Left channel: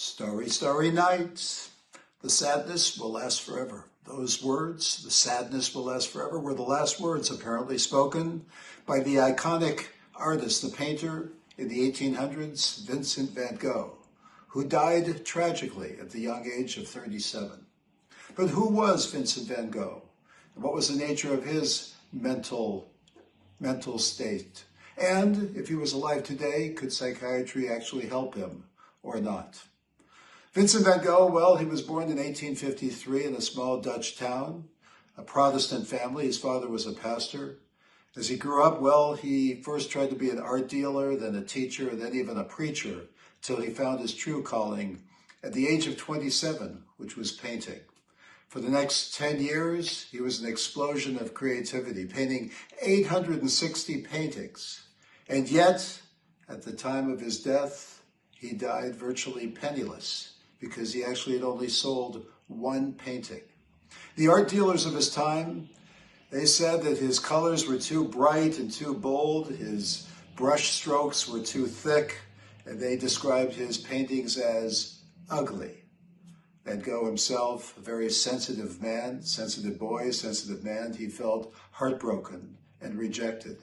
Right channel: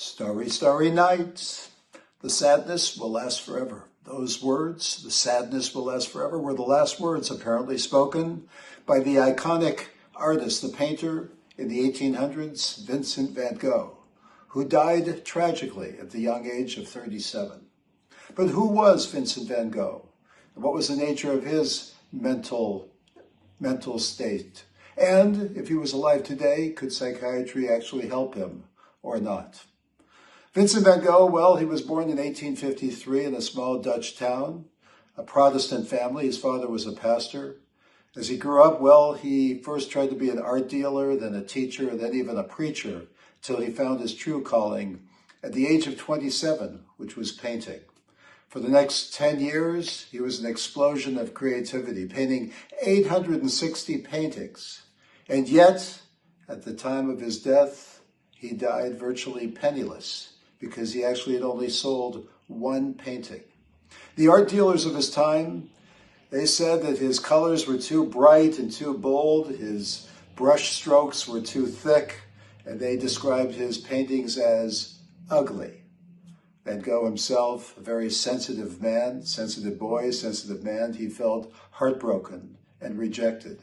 Starry, starry night, the sadness will last forever. Those words, the sadness will last forever, were the last words apparently spoken by the iconic artist, the painter in the 1800s, Vincent van Gogh, who died tragically at the young age of 37. But who was Vincent van Gogh? And what was the nature of his mental state? And if he was alive today, could psychiatry actually help him or not? Vincent van Gogh, well, he was born in 1853 in a small Dutch town, a Protestant family. His father was a pastor. As he grew up, well, he first tried to be an art dealer, then a teacher, and then even a preacher, till he found his true calling at the age of 27, which was painting. For the next 10 years, he was an explosion of creativity, painting 860 paintings. And yet, at the time of his death, he died virtually penniless because he actually had only sold one painting. The art dealers of his time, they said that his colors were too bright and too bold, his brush strokes were too thick, and they described his paintings as ugly. Van Gogh himself, a very sensitive man, sensitive boy, sensitive man, he felt heartbroken and rejected.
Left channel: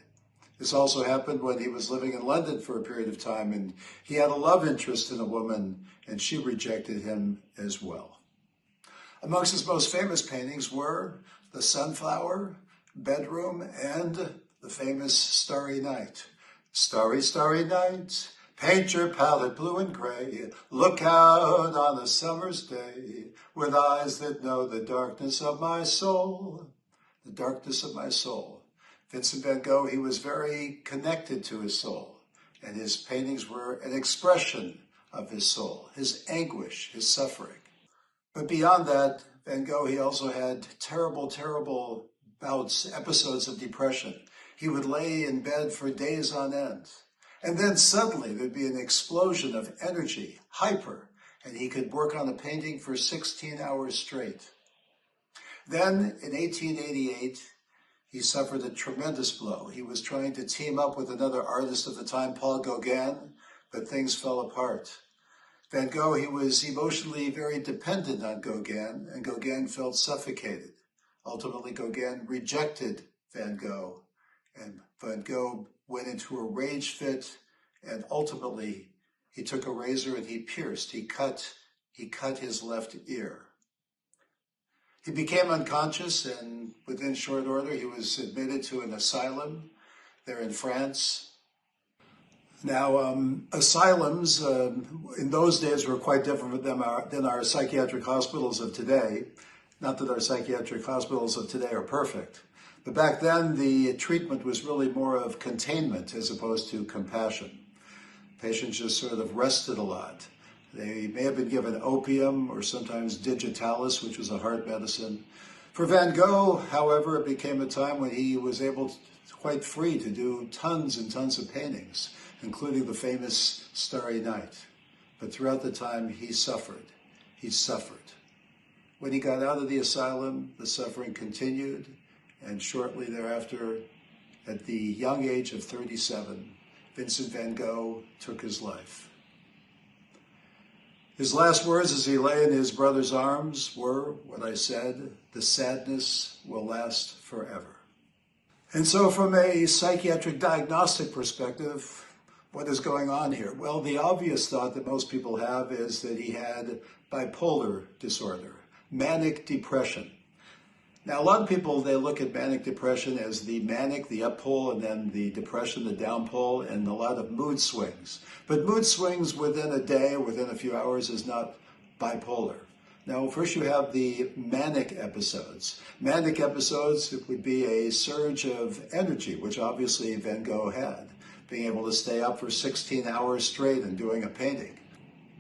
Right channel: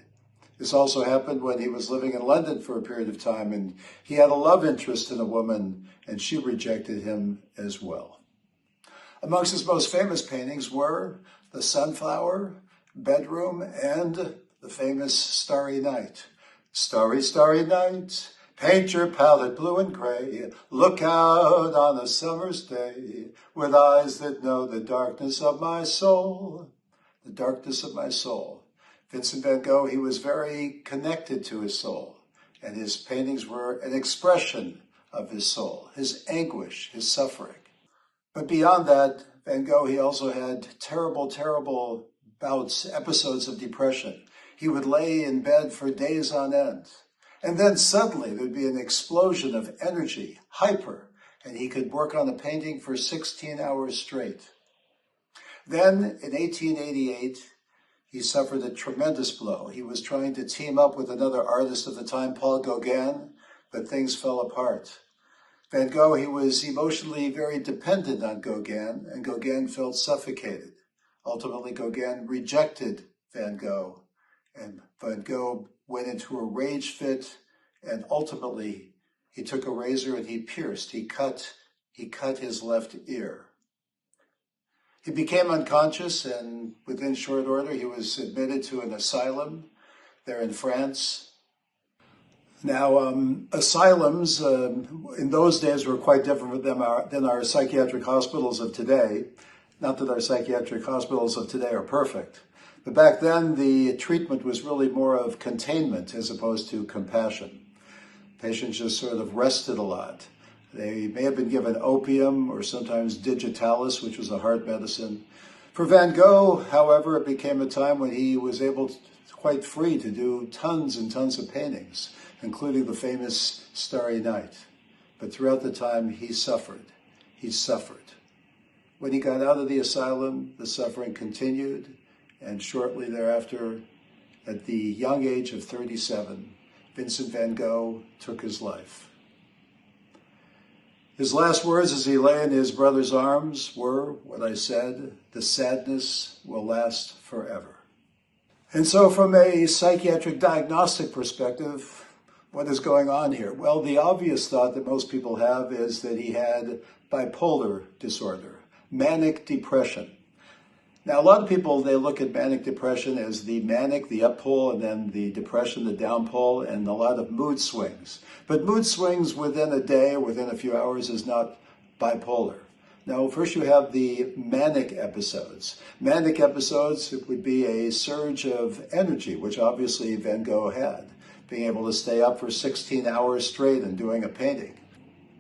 This also happened when he was living in London for a period of time, and he had a love interest in a woman, and she rejected him as well. Amongst his most famous paintings were The Sunflower, Bedroom, and the famous Starry Night. Starry, starry night, paint your palette blue and gray, look out on a summer's day, with eyes that know the darkness of my soul, the darkness of my soul. Vincent van Gogh, he was very connected to his soul, and his paintings were an expression of his soul, his anguish, his suffering. But beyond that, Van Gogh, he also had terrible, terrible bouts, episodes of depression. He would lay in bed for days on end. And then suddenly there'd be an explosion of energy, hyper, and he could work on a painting for 16 hours straight. Then in 1888, he suffered a tremendous blow. He was trying to team up with another artist at the time, Paul Gauguin, but things fell apart. Van Gogh, he was emotionally very dependent on Gauguin, and Gauguin felt suffocated. Ultimately, Gauguin rejected Van Gogh, and Van Gogh went into a rage fit, and ultimately he took a razor and he cut his left ear. He became unconscious, and within short order, he was admitted to an asylum there in France. Now, asylums in those days were quite different than our psychiatric hospitals of today. Not that our psychiatric hospitals of today are perfect, but back then the treatment was really more of containment as opposed to compassion. Patients just sort of rested a lot. They may have been given opium or sometimes digitalis, which was a heart medicine. For Van Gogh, however, it became a time when he was able, quite free, to do tons and tons of paintings, including the famous Starry Night. But throughout the time, he suffered. He suffered. When he got out of the asylum, the suffering continued, and shortly thereafter, at the young age of 37, Vincent van Gogh took his life. His last words as he lay in his brother's arms were what I said: the sadness will last forever. And so from a psychiatric diagnostic perspective, what is going on here? Well, the obvious thought that most people have is that he had bipolar disorder, manic depression. Now, a lot of people, they look at manic depression as the manic, the up pole, and then the depression, the down pole, and a lot of mood swings. But mood swings within a day, within a few hours, is not bipolar. Now, first you have the manic episodes. Manic episodes, it would be a surge of energy, which obviously Van Gogh had, being able to stay up for 16 hours straight and doing a painting.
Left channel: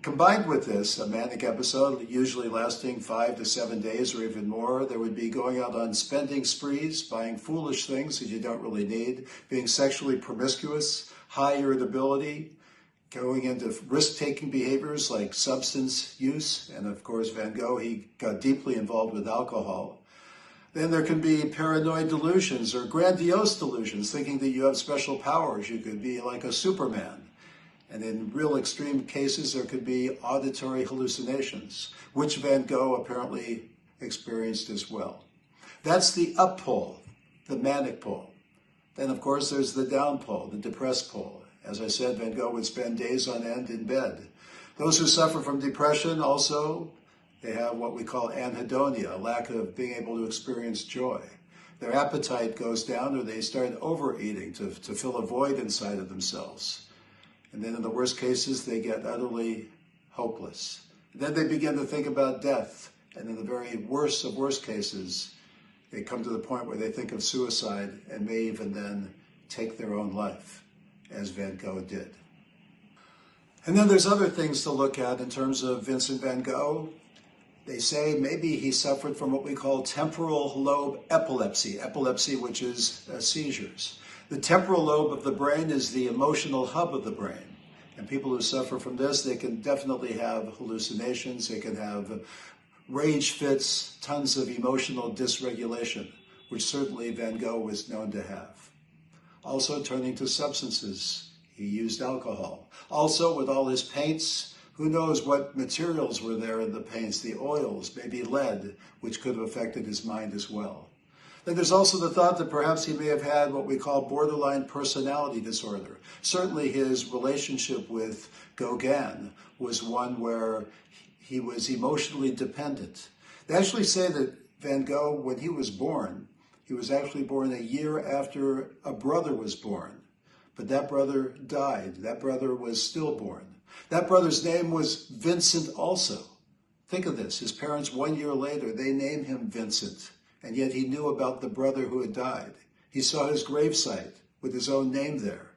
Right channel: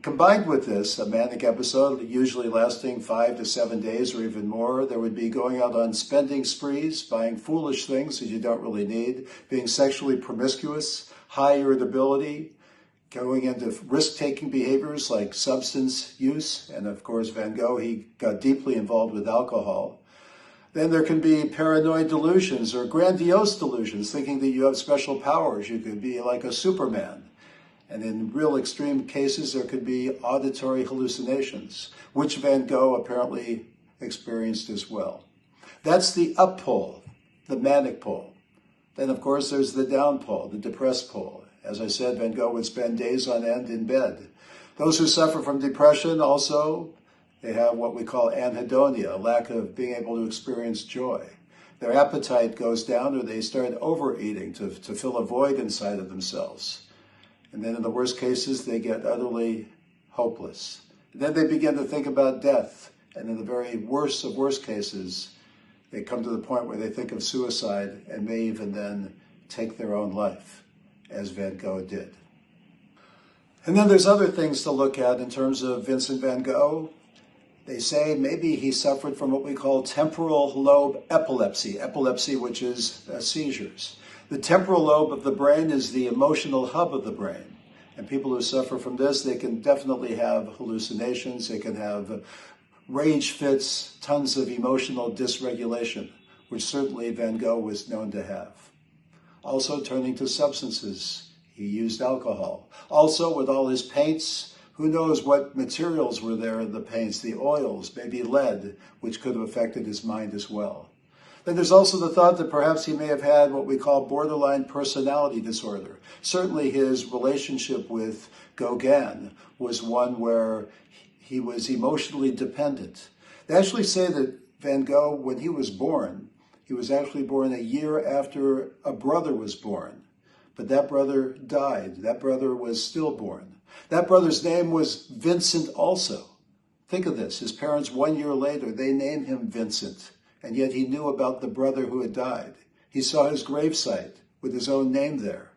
Combined with this, a manic episode, usually lasting 5 to 7 days or even more, there would be going out on spending sprees, buying foolish things that you don't really need, being sexually promiscuous, high irritability, going into risk-taking behaviors like substance use, and of course Van Gogh, he got deeply involved with alcohol. Then there can be paranoid delusions or grandiose delusions, thinking that you have special powers. You could be like a Superman. And in real extreme cases, there could be auditory hallucinations, which Van Gogh apparently experienced as well. That's the up pole, the manic pole. Then, of course, there's the down pole, the depressed pole. As I said, Van Gogh would spend days on end in bed. Those who suffer from depression also, they have what we call anhedonia, a lack of being able to experience joy. Their appetite goes down, or they start overeating to fill a void inside of themselves. And then in the worst cases, they get utterly hopeless. And then they begin to think about death. And in the very worst of worst cases, they come to the point where they think of suicide and may even then take their own life, as Van Gogh did. And then there's other things to look at in terms of Vincent van Gogh. They say maybe he suffered from what we call temporal lobe epilepsy, which is seizures. The temporal lobe of the brain is the emotional hub of the brain. And people who suffer from this, they can definitely have hallucinations, they can have rage fits, tons of emotional dysregulation, which certainly Van Gogh was known to have. Also turning to substances, he used alcohol. Also with all his paints, who knows what materials were there in the paints, the oils, maybe lead, which could have affected his mind as well. Then there's also the thought that perhaps he may have had what we call borderline personality disorder. Certainly his relationship with Gauguin was one where he was emotionally dependent. They actually say that Van Gogh, when he was actually born a year after a brother was born. But that brother died. That brother was stillborn. That brother's name was Vincent also. Think of this. His parents, 1 year later, they named him Vincent. And yet he knew about the brother who had died. He saw his gravesite with his own name there.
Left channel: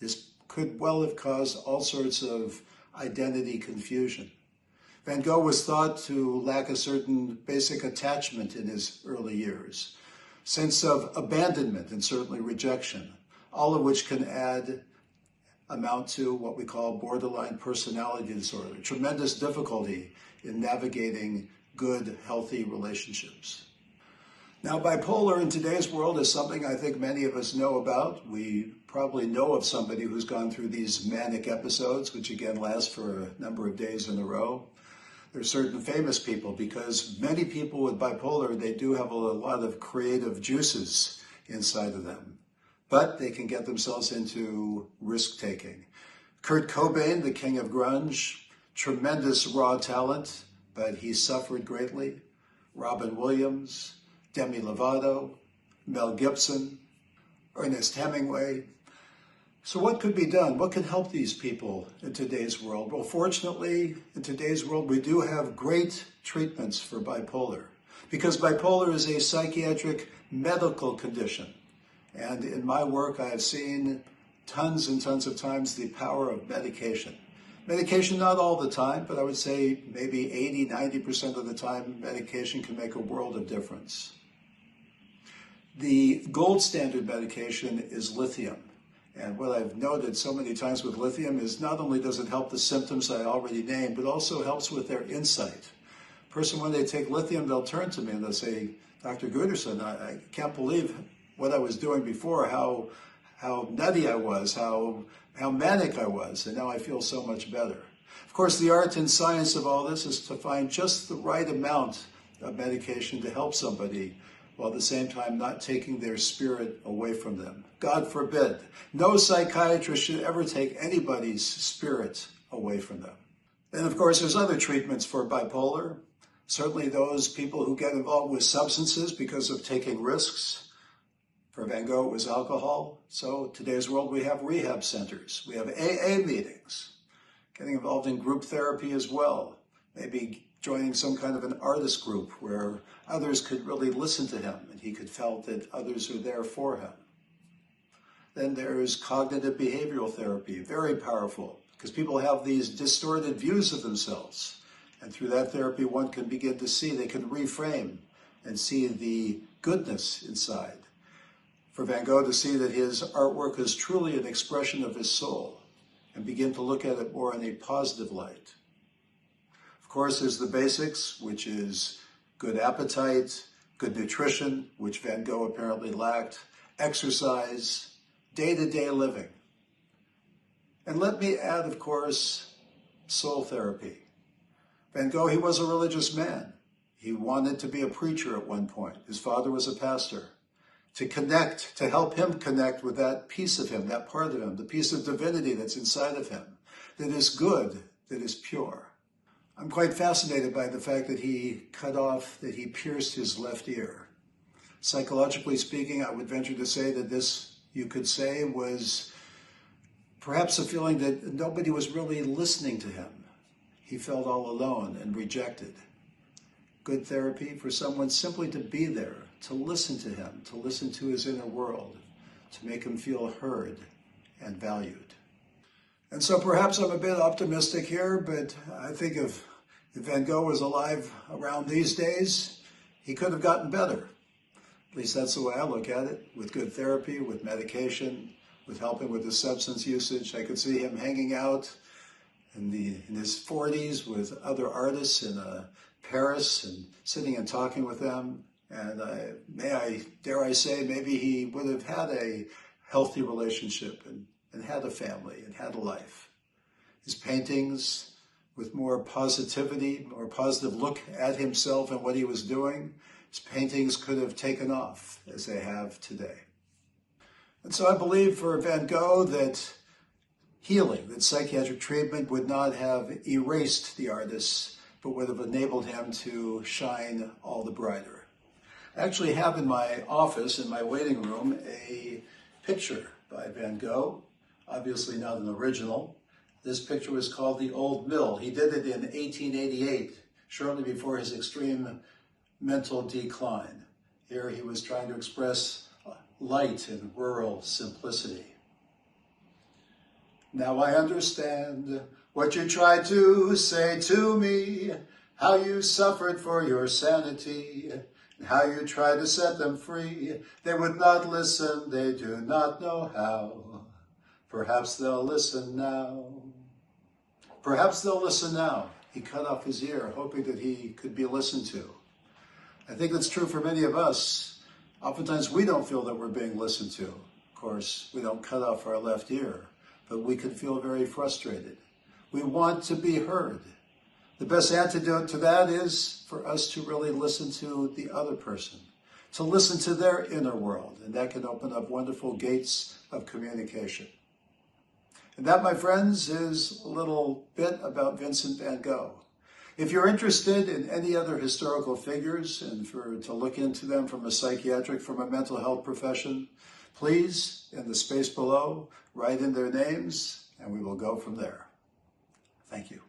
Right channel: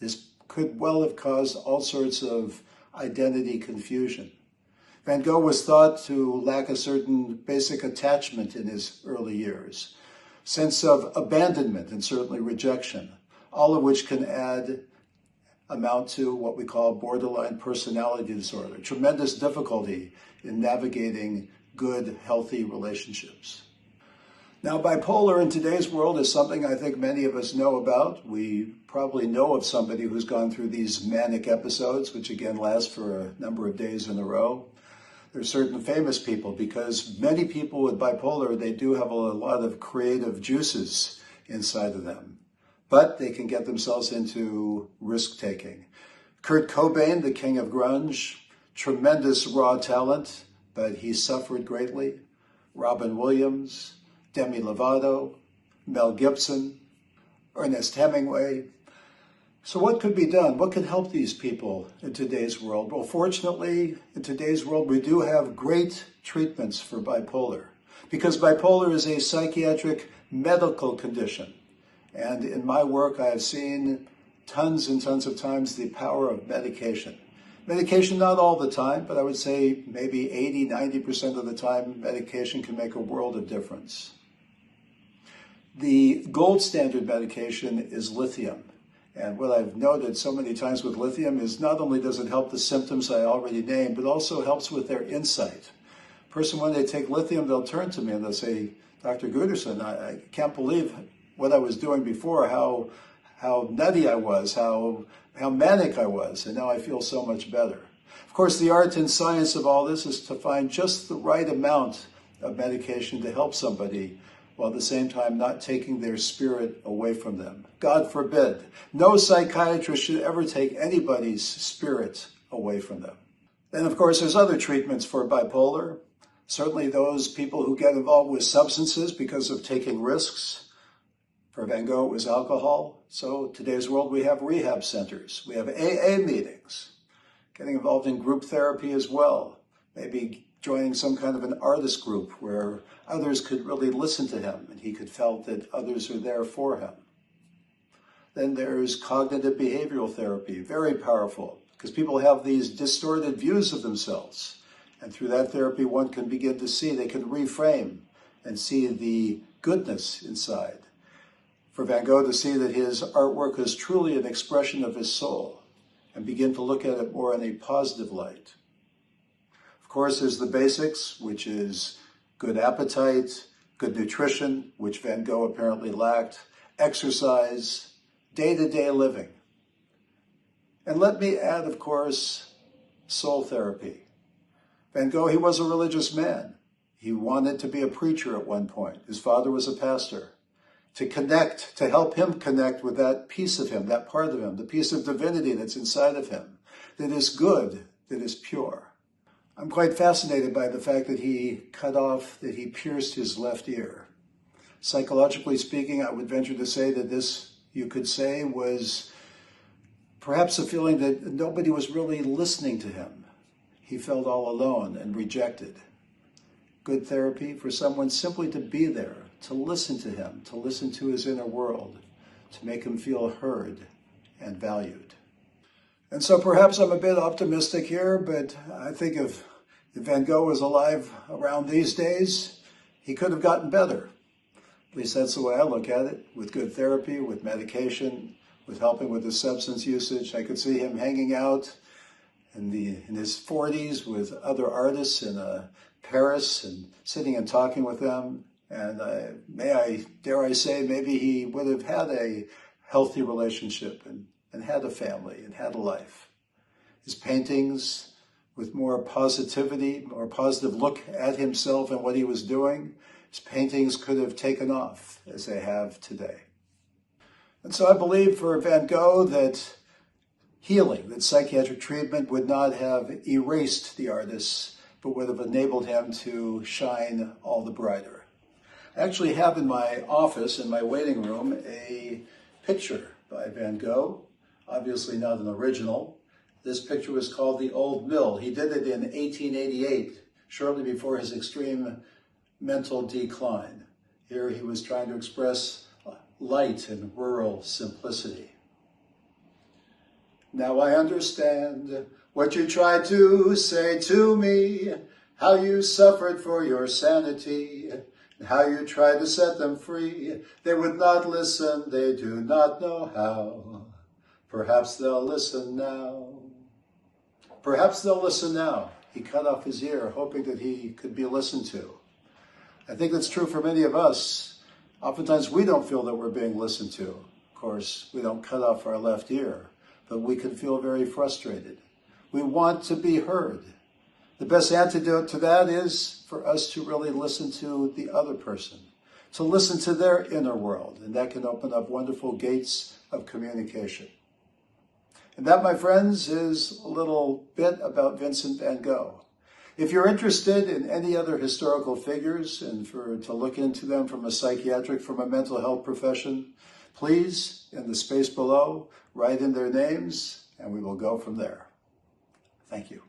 This could well have caused all sorts of identity confusion. Van Gogh was thought to lack a certain basic attachment in his early years, sense of abandonment and certainly rejection, all of which can amount to what we call borderline personality disorder, tremendous difficulty in navigating good, healthy relationships. Now, bipolar in today's world is something I think many of us know about. We probably know of somebody who's gone through these manic episodes, which again last for a number of days in a row. There's certain famous people, because many people with bipolar, they do have a lot of creative juices inside of them, but they can get themselves into risk-taking. Kurt Cobain, the king of grunge, tremendous raw talent, but he suffered greatly. Robin Williams, Demi Lovato, Mel Gibson, Ernest Hemingway. So what could be done? What can help these people in today's world? Well, fortunately, in today's world, we do have great treatments for bipolar, because bipolar is a psychiatric medical condition. And in my work, I have seen tons and tons of times the power of medication. Medication, not all the time, but I would say maybe 80-90% of the time, medication can make a world of difference. The gold standard medication is lithium. And what I've noted so many times with lithium is not only does it help the symptoms I already named, but also helps with their insight. Person, when they take lithium, they'll turn to me and they'll say, Dr. Guterson, I can't believe what I was doing before, how nutty I was, how manic I was, and now I feel so much better. Of course, the art and science of all this is to find just the right amount of medication to help somebody, while at the same time not taking their spirit away from them. God forbid. No psychiatrist should ever take anybody's spirit away from them. Then, of course, there's other treatments for bipolar. Certainly those people who get involved with substances because of taking risks. For Van Gogh, it was alcohol. So today's world, we have rehab centers. We have AA meetings. Getting involved in group therapy as well. Maybe joining some kind of an artist group where others could really listen to him and he could feel that others are there for him. Then there's cognitive behavioral therapy, very powerful, because people have these distorted views of themselves. And through that therapy, one can begin to see, they can reframe and see the goodness inside. For Van Gogh to see that his artwork is truly an expression of his soul and begin to look at it more in a positive light. Of course, there's the basics, which is good appetite, good nutrition, which Van Gogh apparently lacked, exercise, day-to-day living. And let me add, of course, soul therapy. Van Gogh, he was a religious man. He wanted to be a preacher at one point. His father was a pastor. To connect, to help him connect with that piece of him, that part of him, the piece of divinity that's inside of him, that is good, that is pure. I'm quite fascinated by the fact that he pierced his left ear. Psychologically speaking, I would venture to say that this, you could say, was perhaps a feeling that nobody was really listening to him. He felt all alone and rejected. Good therapy for someone simply to be there, to listen to him, to listen to his inner world, to make him feel heard and valued. And so perhaps I'm a bit optimistic here, but I think if Van Gogh was alive around these days, he could have gotten better. At least that's the way I look at it, with good therapy, with medication, with helping with his substance usage. I could see him hanging out in his 40s with other artists in Paris and sitting and talking with them. And dare I say, maybe he would have had a healthy relationship and had a family and had a life. His paintings, with more positivity, more positive look at himself and what he was doing, his paintings could have taken off as they have today. And so I believe for Van Gogh that healing, that psychiatric treatment would not have erased the artist, but would have enabled him to shine all the brighter. I actually have in my office, in my waiting room, a picture by Van Gogh, obviously not an original. This picture was called The Old Mill. He did it in 1888, shortly before his extreme mental decline. Here he was trying to express light and rural simplicity. Now I understand what you tried to say to me, how you suffered for your sanity, and how you tried to set them free. They would not listen, they do not know how. Perhaps they'll listen now. Perhaps they'll listen now. He cut off his ear, hoping that he could be listened to. I think that's true for many of us. Oftentimes we don't feel that we're being listened to. Of course, we don't cut off our left ear, but we can feel very frustrated. We want to be heard. The best antidote to that is for us to really listen to the other person, to listen to their inner world, and that can open up wonderful gates of communication. And that, my friends, is a little bit about Vincent van Gogh. If you're interested in any other historical figures and to look into them from a psychiatric, from a mental health profession, please, in the space below, write in their names, and we will go from there. Thank you.